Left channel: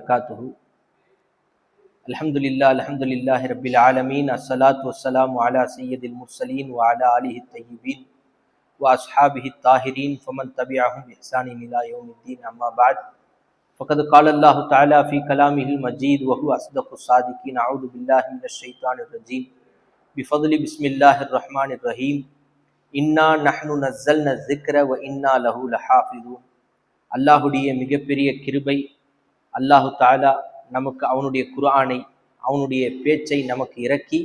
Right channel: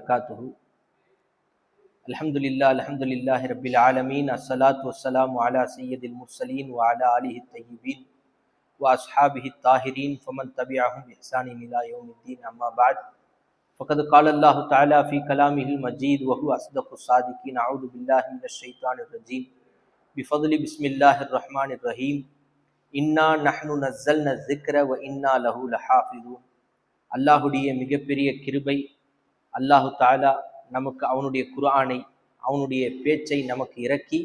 وبركاته. الحمد لله رب العالمين. الصلاة والسلام على سيد المرسلين وعلى آله الطيبين وأصحابه الطاهرين فمن تبعهم بإحسان إلى يوم الدين. أما بعد، فقد قال الله تعالى في كلامه المجيد وهو أصدق الصادقين. أعوذ بالله من الشيطان الرجيم. بفضل بسم الله الرحمن الرحيم. إنا نحن نزلنا الذكر وإنا له لحافظون. அல்லாஹுடைய மிகப்பெரிய கிருபை, அல்லாஹு தாலா நமக்கு அவனுடைய குர்ஆனை, அவனுடைய பேச்சை நமக்கு இறக்கி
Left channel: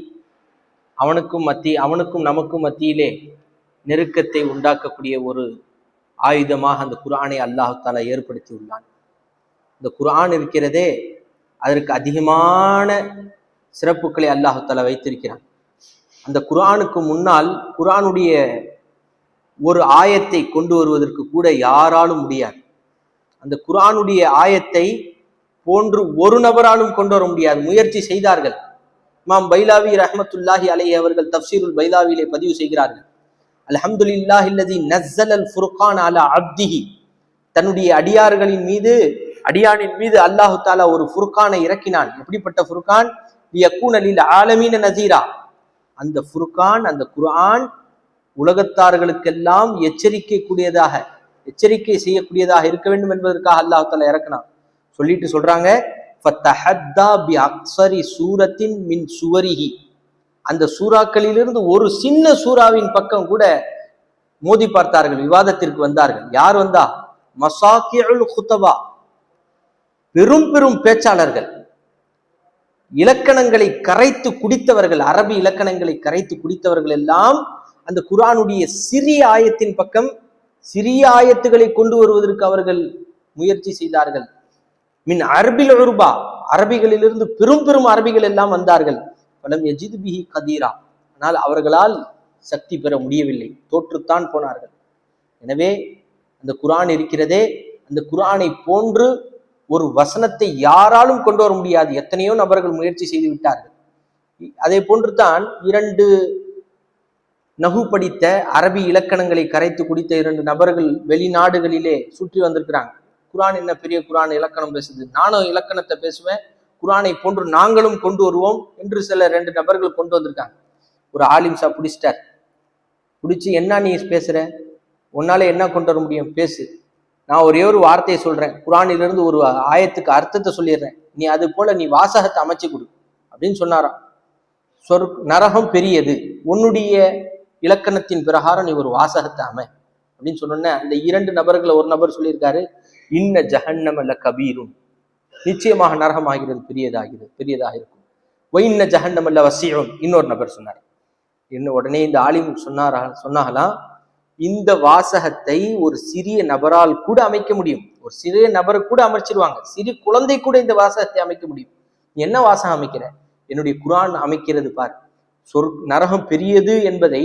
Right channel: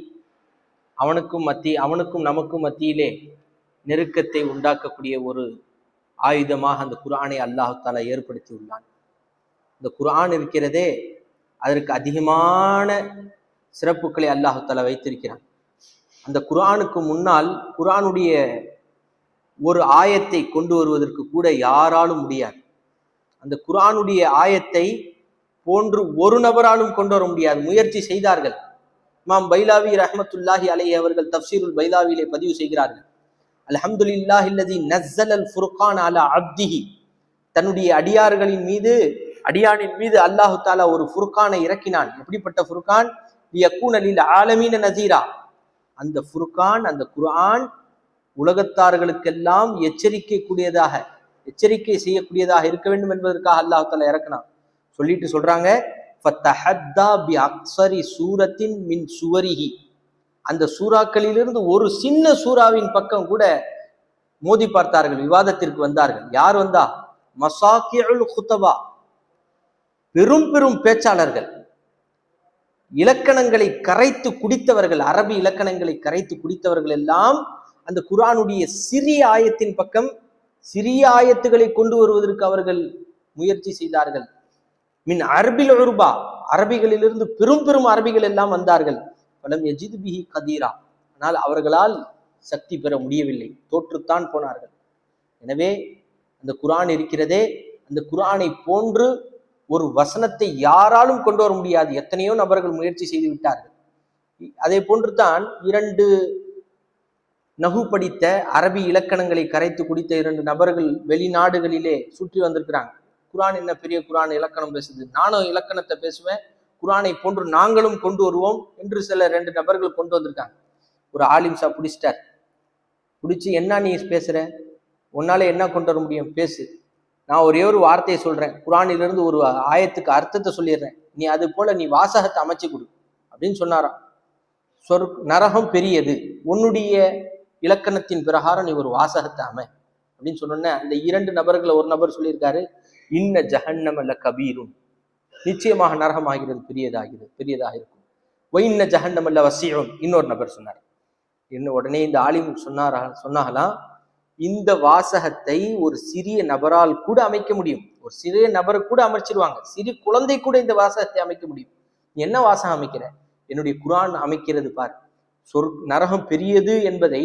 அவனுக்கும் நமக்கும் மத்தியிலே நெருக்கத்தை உண்டாக்கக்கூடிய ஒரு ஆயுதமாக அந்த குர்ஆனை அல்லாஹு தாலா ஏற்படுத்தி உள்ளான். இந்த குர்ஆன் இருக்கிறதே, அதற்கு அதிகமான சிறப்புகளை அல்லாஹு தாலா வைத்திருக்கிறான். அந்த குர்ஆனுக்கு முன்னால் குர்ஆனுடைய ஒரு ஆயத்தை கொண்டு வருவதற்கு கூட யாராலும் முடியாது. அந்த குர்ஆனுடைய ஆயத்தை போன்று ஒரு நபராலும் கொண்டு வர முடியாது. முயற்சி செய்தார்கள். இமாம் பைலாவி ரஹ்மத்துல்லாஹி அலைஹி அவர்கள் தஃப்சீருல் பைலாவிலே பதிவு செய்கிறார்கள், அல்ஹம்துலில்லாஹி அல்லதி நஸ்ஸலல் ஃபுர்கான் அலா அப்திஹி. தன்னுடைய அடியானின் மீது அல்லாஹு தாலா ஒரு ஃபுர்கானை இறக்கினான். எப்படிப்பட்ட ஃபுர்கான்? லியகூன லில் ஆலமீன நஸீரா. அந்த ஃபுர்கான், அந்த குர்ஆன் உலகத்தார்களுக்கெல்லாம் எச்சரிக்கை செய்யக்கூடியதாக இருக்க வேண்டும் என்பதற்காக அல்லாஹ் தஆலா இறக்கினான். சொல்லிட்டு சொல்றாங்க, ஃபத்தஹத்தா பி அக்ஸரி சூரத்தின் மின் சுவரிஹி. அந்த சூறாக்களிலிருந்து ஒரு சின்ன சூறாவின் பக்கம் கூட மோதி பார்த்தார்கள், விவாதத்திற்கு வந்தார்கள். யார் வந்தா? மசாகிஉல் குதபா, பெரும் பெரும் பேச்சாளர்கள், இலக்கணங்களை கரைத்து குடித்தவர்கள், அரபி இலக்கணங்களை கரைத்து குடித்தவர்கள் எல்லாம் அந்த குர்ஆனுடைய சிறிய ஆயத்தின் பக்கம், சிறிய ஆயத்துக்களை கொண்டு வருவதற்கு அவர்கள் முயற்சி செய்தார்கள். மின் அரபில் உருபா, அரபிகளிலிருந்து பெரும் பெரும் அரபிகள் எல்லாம் வந்தார்கள். பலம் யஜித் பிஹி கதீரா, ஆனால் அவர்களால் சக்தி பெற முடியவில்லை, தோற்றுத்தான் போனார்கள். எனவே அந்த குர்ஆன் இருக்கிறதே, அந்த குர்ஆனை போன்று ஒரு வசனத்தை யாராலும் கொண்டு வர முடியாது. எத்தனையோ நபர்கள் முயற்சி செய்து விட்டார்கள். அதே போன்று தான் 2 நஹு படித்த, அரபி இலக்கணங்களை கரைத்து குடித்த 2 நபர்கள் வெளிநாடுகளிலே சுற்றி வந்திருக்கிறாங்க. குர்ஆன் என்ன பெரிய குர்ஆன் இலக்கணம் பேசுது, நானும் இலக்கணத்தை பேசுவேன், குர்ஆனை போன்று நாங்களும் கொண்டு வருவோம் என்று சில 2 நபர்கள் கொண்டு வந்திருக்காங்க. ஒரு ஆலிம் சா பிடிச்சிட்டார். பிடிச்சி, என்ன நீ பேசுற, உன்னால என்ன கொண்டு வர முடியும், பேசு, நான் ஒரே ஒரு வார்த்தையை சொல்றேன், குர்ஆனிலிருந்து ஒரு ஆயத்துக்கு அர்த்தத்தை சொல்லிடுறேன், நீ அது போல நீ வாசகத்தை அமைச்சு கொடு அப்படின்னு சொன்னாராம். நரகம் பெரியது, உன்னுடைய இலக்கணத்தின் பிரகாரம் நீ ஒரு வாசகத்தை அமை அப்படின்னு சொன்ன அந்த 2 நபர்கள் ஒரு நபர் சொல்லியிருக்காரு, இன்ன ஜஹன்னம லகபீரும், நிச்சயமாக நரகம் ஆகிறது பெரியதாக இருக்கும். ஒயின்ன ஜஹன்னம லவஸீஉன், இன்னொரு நபர் சொன்னார். உடனே இந்த ஆலிம் சொன்னாங்களாம், இந்த வாசகத்தை ஒரு சிறிய நபரால் கூட அமைக்க முடியும், ஒரு சிறிய நபரை கூட அமைச்சிருவாங்க, சிறு குழந்தை கூட இந்த வாசகத்தை அமைக்க முடியும். நீ என்ன வாசகம் அமைக்கிற? என்னுடைய குர்ஆன் அமைக்கிறது பார். நரகம் பெரியது என்பதை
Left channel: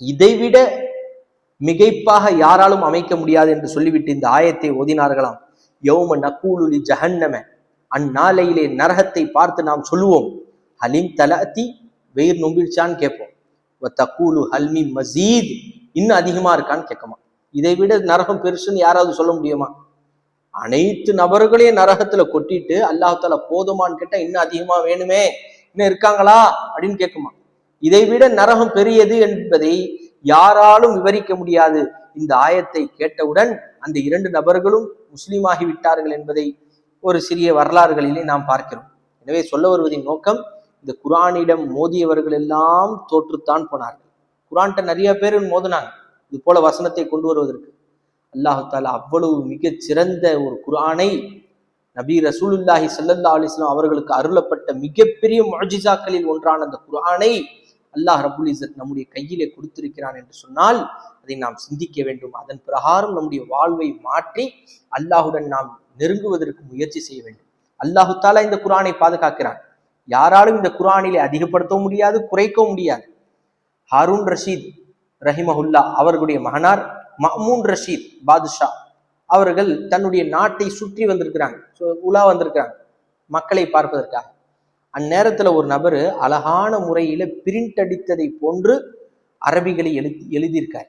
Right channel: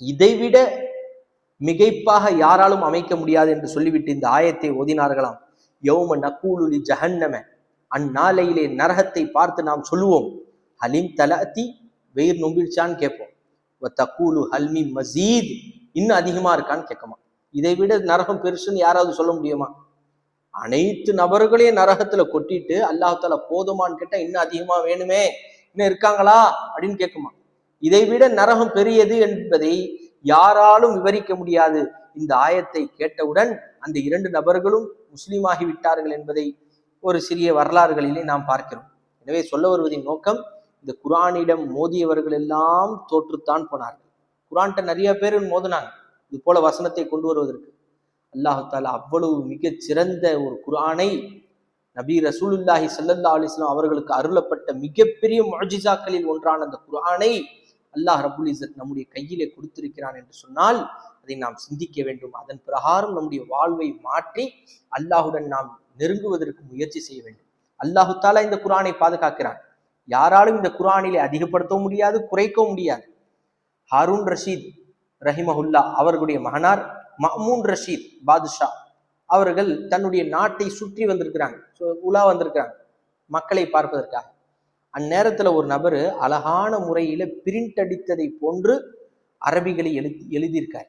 இதைவிட மிகைப்பாக யாராலும் அமைக்க முடியாது என்று சொல்லிவிட்டு இந்த ஆயத்தை ஓதினார்களாம். யௌம நகூலு லி ஜஹன்னம, அந்நாளையிலே நரகத்தை பார்த்து நாம் சொல்லுவோம், ஹலிம் தலஅதி, வெயிர் நொம்பிடுச்சான்னு கேட்போம். வதகூலு ஹல்மி மஸீத், இன்னும் அதிகமா இருக்கான்னு கேட்கமா. இதை விட நரகம் பெருசுன்னு யாராவது சொல்ல முடியுமா? அனைத்து நபர்களையும் நரகத்துல கொட்டிட்டு அல்லாஹ் தஆலா போதுமான்னு கேட்டா இன்னும் அதிகமா வேணுமே, இன்னும் இருக்காங்களா அப்படின்னு கேட்குமா. இதை விட நரகம் பெரியது என்பதை யாராலும் விவரிக்க முடியாது. இந்த ஆயத்தை கேட்டவுடன் அந்த 2 நபர்களும் முஸ்லீமாகி விட்டார்கள் என்பதை ஒரு சிறிய வரலாறுகளிலே நாம் பார்க்கிறோம். எனவே சொல்ல வருவதின் நோக்கம், இந்த குர்ஆனிடம் மோதியவர்கள் எல்லாம் தோற்றுத்தான் போனார்கள். குர்ஆன்கிட்ட நிறைய பேர் மோதினாங்க இது போல வசனத்தை கொண்டு வருவதற்கு. அல்லாஹு தாலா அவ்வளவு மிகச் சிறந்த ஒரு குர்ஆனை, நபி ரசூலுல்லாஹி ஸல்லல்லாஹு அலைஹி வஸல்லம் அவர்களுக்கு அருளப்பட்ட மிகப்பெரிய முஅஜிசாக்களில் ஒன்றான அந்த குர்ஆனை அல்லாஹ் ரப்புல் இஸ்ஸத் நம்முடைய கையிலே கொடுத்திருக்கிறான் என்று சொன்னால் அதை நாம் சிந்திக்க வேண்டும். அதன் பிரகாரம் நம்முடைய வாழ்வை மாற்றி அல்லாஹுடன் நாம் நெருங்குவதற்கு முயற்சி செய்ய வேண்டும். அல்லாஹு தாலா இந்த குர்ஆனை பாதுகாக்கிறான். யாராலும் இந்த குர்ஆனிலே அதிகப்படுத்தவும் முடியாது, குறைக்கவும் முடியாது. ஹாரூன் ரஷீத் ரஹிமஹுல்லா அவர்களுடைய மகனார் மஅமூன் ரஷீத் பாதுஷா அவர்கள் தன்னுடைய நாட்டை சுற்றி வந்திருக்கிறாங்க, உலா வந்திருக்கிறாங்க மக்களை பார்ப்பதற்காக. அந்நேரத்துல ஒரு நபர் அழகான முறையில பிரிண்ட் அடித்ததை போன்று அரபிகளை எழுதியிருக்காரு.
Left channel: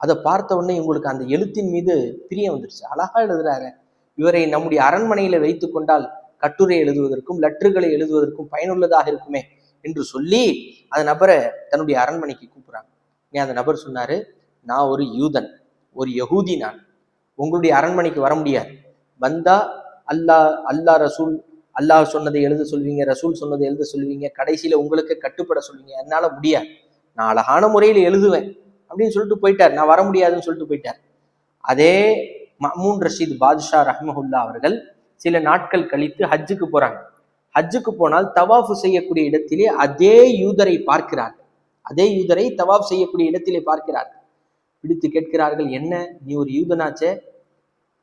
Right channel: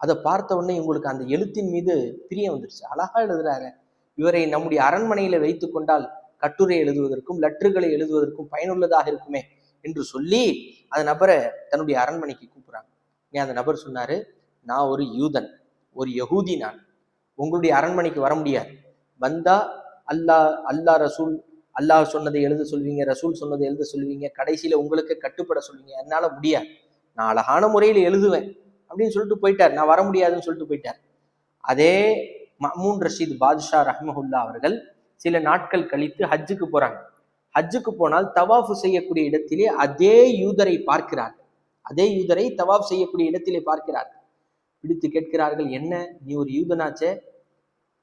அதை பார்த்த உடனே இவங்களுக்கு அந்த எழுத்தின் மீது பிரியம் வந்துருச்சு. அழகா எழுதுறாரு, இவரை நம்முடைய அரண்மனையில வைத்து கொண்டால் கட்டுரை எழுதுவதற்கும் லெட்டர்களை எழுதுவதற்கும் பயனுள்ளதாக இருக்குமே என்று சொல்லி அந்த நபரை தன்னுடைய அரண்மனைக்கு கூப்பிடுறாங்க. அந்த நபர் சொன்னாரு, நான் ஒரு யூதன், ஒரு யகூதி, நான் உங்களுடைய அரண்மனைக்கு வர முடியாது. வந்தா அல்லாஹ் ரசூல், அல்லாஹ் சொன்னதை எழுத சொல்வீங்க, ரசூல் சொன்னதை எழுத சொல்வீங்க, கடைசியில உங்களுக்கு கட்டுப்பட சொல்வீங்க, என்னால முடியாது, நான் அழகான முறையில் எழுதுவேன் அப்படின்னு சொல்லிட்டு போயிட்டார். நான் வர முடியாதுன்னு சொல்லிட்டு போயிட்டார். அதே மஅமூன் ரஷீத் பாதுஷா ரஹ்மஹுல்லா அவர்கள் சில நாட்கள் கழித்து ஹஜ்ஜுக்கு போறாங்க. ஹஜ்ஜுக்கு போனால் தவாஃபு செய்யக்கூடிய இடத்திலே அதே யூதரை பார்க்கிறார்கள். அதே யூதரை தவாஃப் செய்யக்கூடிய இடத்திலே பார்க்கிறார்கள். பிடித்து கேட்கிறார்கள், என்ன நீ ஒரு யூதனாச்சே,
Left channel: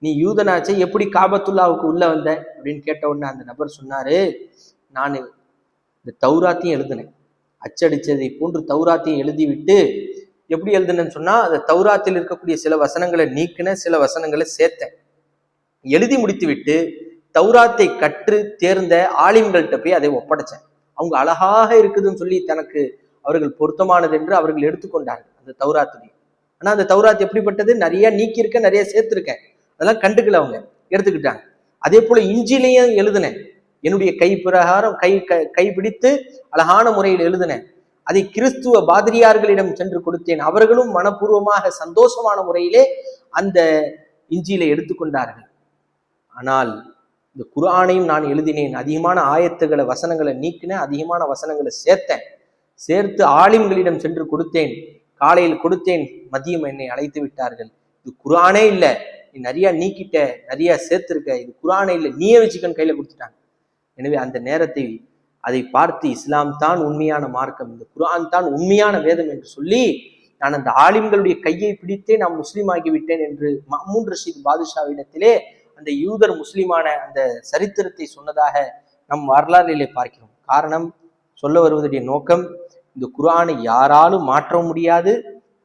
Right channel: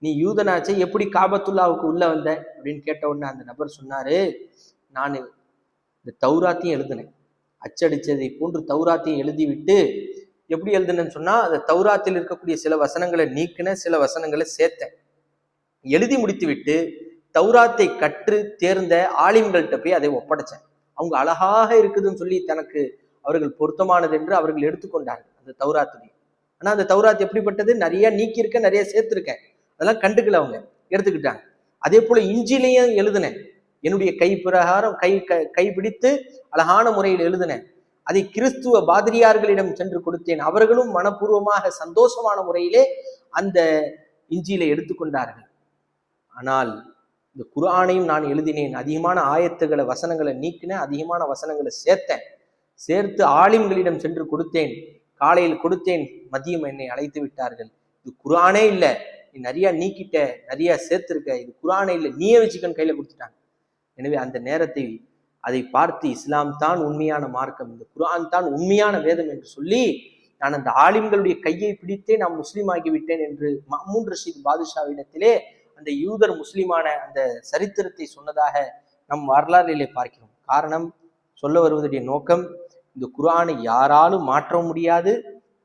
நீ யூதனாச்சே எப்படி காபத்துல்லாவுக்கு உள்ள வந்த அப்படின்னு கேட்ட உடனே அந்த நபர் சொன்னாரு, நான் இந்த தௌராத்தையும் எழுதினேன், அச்சடிச்சதை போன்று தௌராத்தையும் எழுதிவிட்டு எப்படி எழுதுனேன்னு சொன்னா, அந்த தௌராத்தில் இருக்கக்கூடிய சில வசனங்களை நீக்கின, சில வசனங்களை சேர்த்தேன். எழுதி முடித்து விட்டு தௌராத்தை கற்று தேர்ந்த ஆலிம்கள்கிட்ட போய் அதை ஒப்படைச்சேன். அவங்க அழகாக இருக்குதுன்னு சொல்லி தனக்கு அவர்கள் பொருத்தமானது என்று அவர்கள் எடுத்துக்கொண்டார்கள் அந்த தௌராத்துடைய. ஆனா அந்த தௌராத் எப்படிப்பட்டது, நிறைய நீக்கியிருக்கேன், நிறைய சேர்த்திருக்கேன், அதெல்லாம் கண்டுக்கல, அவங்க எடுத்துக்கிட்டாங்க. அதே போல இஞ்சிலையும் எழுதினேன், என்னுடைய கை பிரகாரம் கை பிடித்து அழகான முறையில் எழுதினேன். அதை கிறிஸ்துவ பாதிரியார்களிடம் சென்று கொடுத்தேன். அவர்களும் மனப்பூர்வமாக சந்தோஷமான முறையிலே அந்த இஞ்சியில எடுத்துக்கொண்டார்கள். ஆனால் இந்த குர்ஆனையும் நான் எழுதினேன், அதிகமான ஆயத்துகளை வசனங்களை நீக்கினேன், அதிகமான வசனங்களை சேர்த்து ஆலிம்களிடம் சென்று கொடுத்தேன். காலையில் கொடுத்தேன், மதியம் என்னை அழைத்து விட்டார்கள், இது குர்ஆனே இல்லை, நீ நிறைய நீக்கிட்ட, நிறைய சேர்த்திருக்க, இது குர்ஆனே இல்லை, நீயே வச்சுக்கன்னு கையில கொடுத்துட்டாங்க. எனவே அந்த நேரத்தை அதை பார்த்து இஸ்லாம் தான் உண்மையான மார்க்கம், இந்த குர்ஆன் தான் உண்மையான வேதம் என்று சொல்லி நான் அந்த ஆலிம்களுடைய கையை பிடித்தே நான் முஸ்லீம் ஆகிவிட்டேன் என்று மஅமூன் ரஷீத் பாதுஷாவிடத்திலே அந்த யூதர் முஸ்லிமான அந்த சரித்திரத்தை சொன்னதாக நம் வரலாறிலே பார்க்கிறோம். காரணம், சொல்ல வருவதுடைய நோக்கம், இந்த குர்ஆனை யாராலும் மாற்ற முடியாது,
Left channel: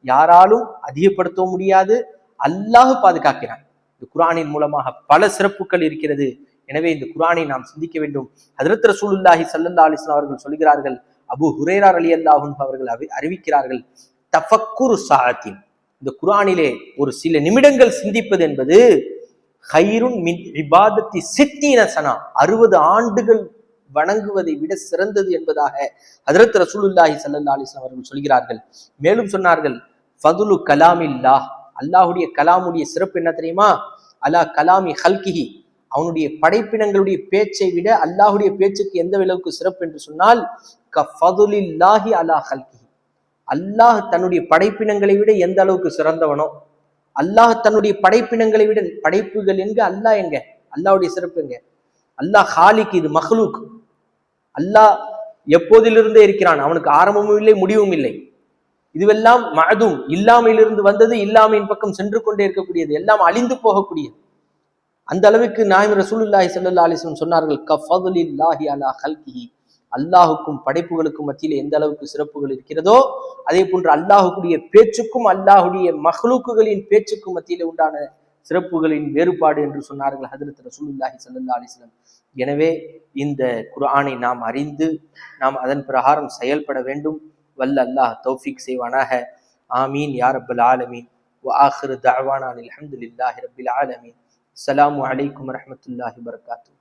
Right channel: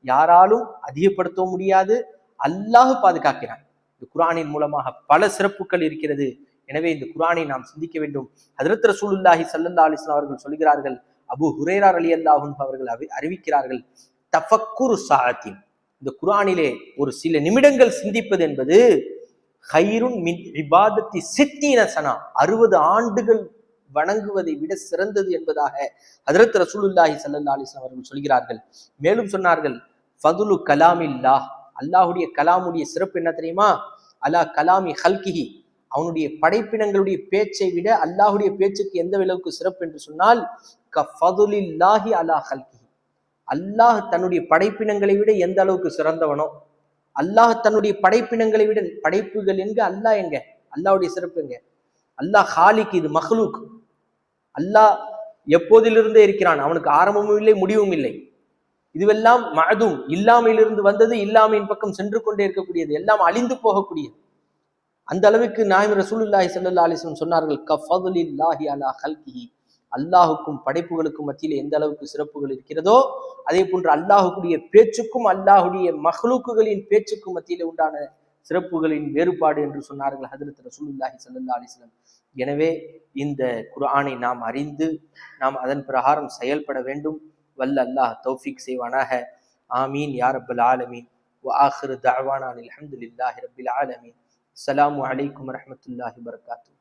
யாராலும் அதிகப்படுத்த முடியாது, அல்லாஹ் பாதுகாக்கிறான். இந்த குர்ஆனின் மூலமாக பல சிறப்புகள் இருக்கிறது. எனவே இந்த குர்ஆனை நாம் சிந்திக்க வேண்டும். ஹஜ்ரத் ரசூலுல்லாஹி ஸல்லல்லாஹு அலைஹி வஸல்லம் அவர்கள் சொல்கிறார்கள், அபூ ஹுரைரா ரலியல்லாஹு அன்ஹு அவர்கள் அறிவிக்கிறார்கள், தஃபக்குரு ஸாஅத்தின், இந்த குர்ஆனிலே ஒரு சில நிமிடங்கள் சிந்திப்பது என்பது ஹைருன் மின் இபாதத்தி சித்தீன சனா, 60 ஆண்டுகள் வணங்குவதை விட சிறந்தது என்பதாக ஹஜ்ரத் ரசூலுல்லாஹி ஸல்லல்லாஹு அலைஹி வஸல்லம் அவர்கள் சொல்கிறார்கள். மேலும் சொன்னார்கள், ஃபதுலு கலாமில்லாஹ், அல்லாஹ்வுடைய கலாமுடைய சிறப்பு என்ன தெரியுமா, அலா கலாமி ஹல்கிஹி, அவனுடைய படைப்பினங்களுடைய பேச்சை விட அல்லாஹுடைய பேச்சுக்கு எந்த அளவுக்கு சிறப்பு என்று சொன்னால், கஃபதுலில்லாஹி அலா ஹல்கிஹி, அல்லாஹ் தன்னுடைய படைப்பினங்களை விட எந்த அளவுக்கு சிறந்தவனோ, அல்லாஹ் தன்னுடைய படைப்பினங்களை விட, படைப்புகள் எங்க, அல்லாஹ் எங்க, அல்லாஹ்வுடைய சிறப்பு எங்க, அல்லாஹ் ஹாலிக், இது மஹ்லூக், அல்லாஹ் எப்போதிலிருந்தே இருக்கிறான், அவனுக்கு ஆரம்பமும் இல்லை முடிவும் இல்லை, இதுவெல்லாம் மஅதும், இல்லாமையிலிருந்து வந்தது, இல்லாமையின் பக்கம் சென்று கொண்டே இருக்கக்கூடியது, எல்லாம் அழிந்து போகக்கூடியது. அந்த அளவுக்கு நாயகம் ரசூலுல்லாஹி ஸல்லல்லாஹு அலைஹி வஸல்லம் சொன்னார்கள், கஃபதுலில்லாஹி அலா ஹல்கிஹி, அல்லாஹுக்கும் படைப்புகளுக்கும் மத்தியில் எந்த அளவுக்கு சிறப்புகள் இருக்கிறதோ அதே போன்று அல்லாஹுடைய பேச்சுக்கும் அல்லாஹுடைய மஹ்லூக்குகளின் பேச்சுக்கும் மத்தியில் உண்டான சிறப்புகளின் வேறுபாடு என்று சொன்னார்கள் ஹஜ்ரத் ரசூலுல்லாஹி ஸல்லல்லாஹு அலைஹி வஸல்லம். எனவே இந்த குர்ஆனை நாம் அறிந்து நாம் அதன் பிரகாரம் செயல்பட வேண்டும். வல்ல அல்லாஹ் தௌஃபீக் செய்வானாக. ஆமீன் யா ரப்பல் ஆலமீன். வ ஆகிரு தஅவானா அல்ஹம்துலில்லாஹி ரப்பில் ஆலமீன். அஸ்ஸலாமு அலைக்கும் வரஹ்மத்துல்லாஹி வபரகாத்துஹு.